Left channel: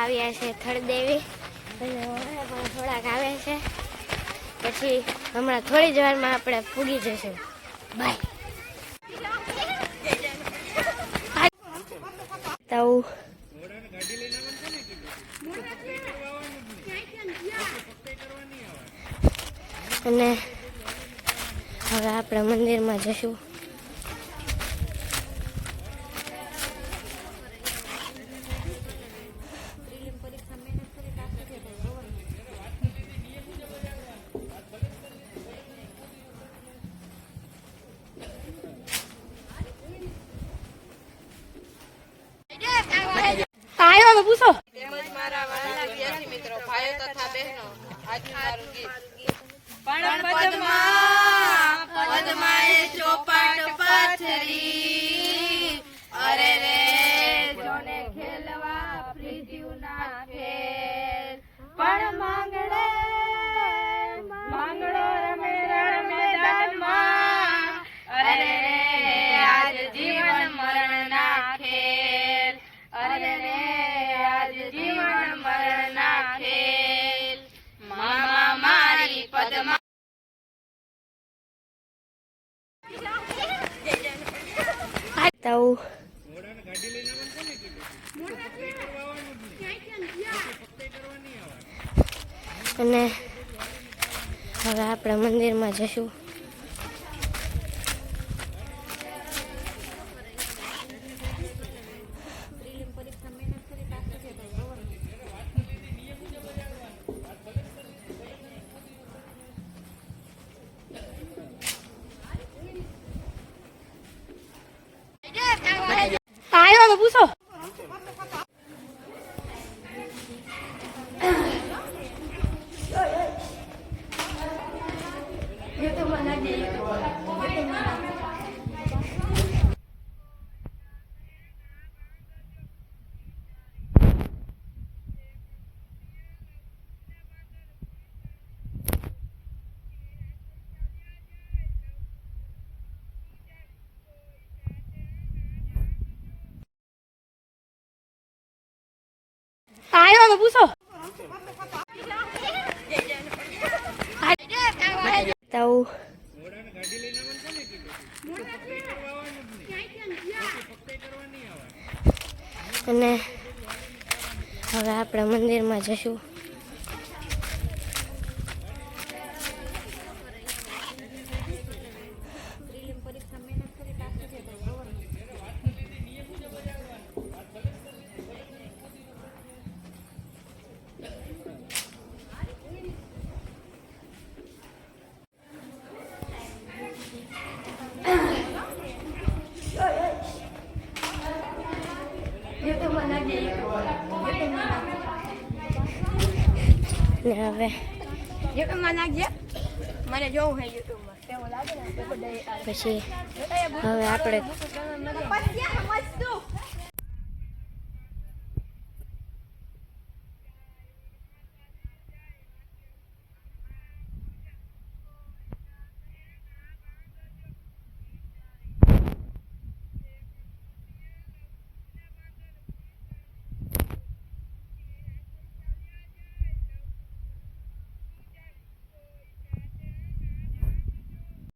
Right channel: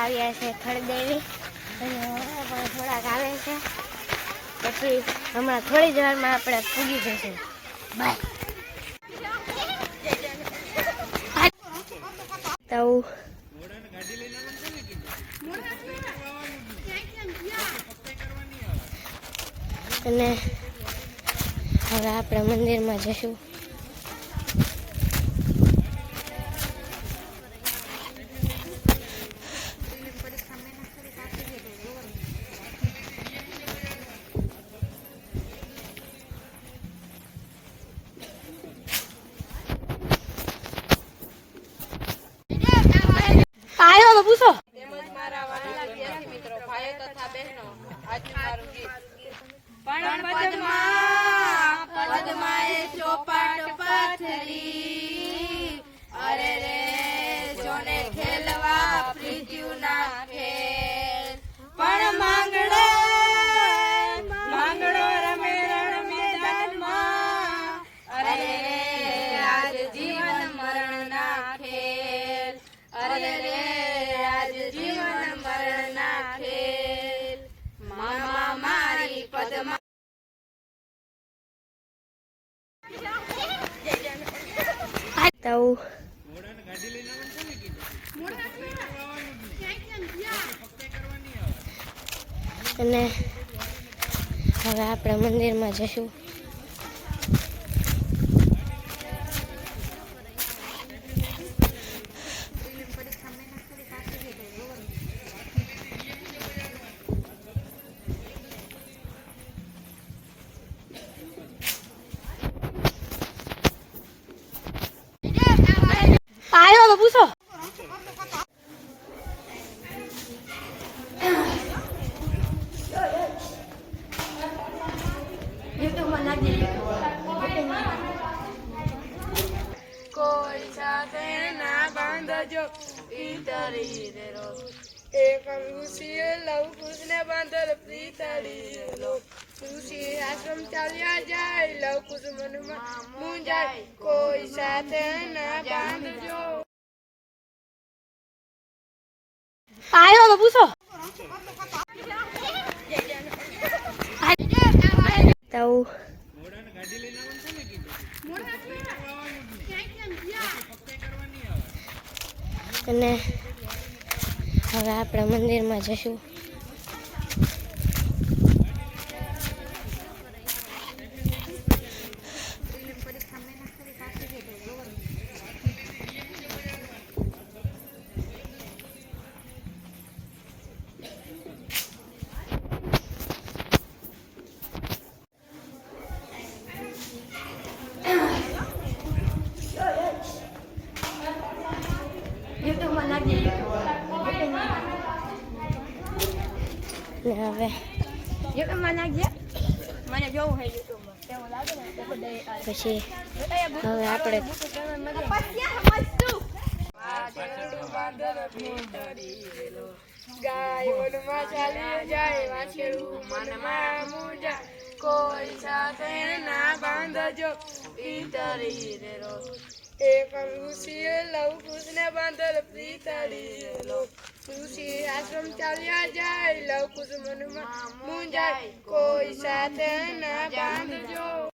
આવ્યા છે થળદેવી અને પણ થોડાક આવે છે પછી હમણાં થોડી જ વારમાં આપણે પૂગી જશું બાય તો અને હવે આપણે મંદિરમાં જશું પૂછો તેમજ મારા વાલા જ્ઞાતિ મિત્રો ભાઈઓ તથા બહેનો આજનું મારું ગીત પણ પદ્માએ ચોપાટ પાથરી અરે રે જોને ખેલવા પ્રીત્યુ ના ખેલ પણ માંગડો રમે રણ મેદાનમાં અરે રે આજ જીવન મરણ ના ખેલ અરે રે આજ જીવન મરણ ના ખેલ મામા મારી પદ્મા અને હવે આપણે મંદિરમાં જશું પૂછો કોઈ સાથે ના બાંધજો ઈતરી એક ઋષિએ લવ કુશને બાંધલ પ્રીતળી ઋષિ આશ્રમ ચાલ્યા જાય લવ કુશ મનમાં મૂંઝાય કોઈ સાથે ના બાંધજો આયો પૂછો તો અને હવે આપણે મંદિરમાં જશું હવે મને જોવું છે યુટ્યુબમાં કેવું લાગે ને પછી હવે આપણે ગાય વનમાં ચાલી જાય વાછેડું મનમાં મૂંઝા કોઈ સાથે ના બાંધજો ઈતરી એક ઋષિએ લવ કુશને બાંધલ પ્રીતળી ઋષિ આશ્રમ ચાલ્યા જાય લવ કુશ મનમાં મૂંઝાય કોઈ સાથે ના બાંધજો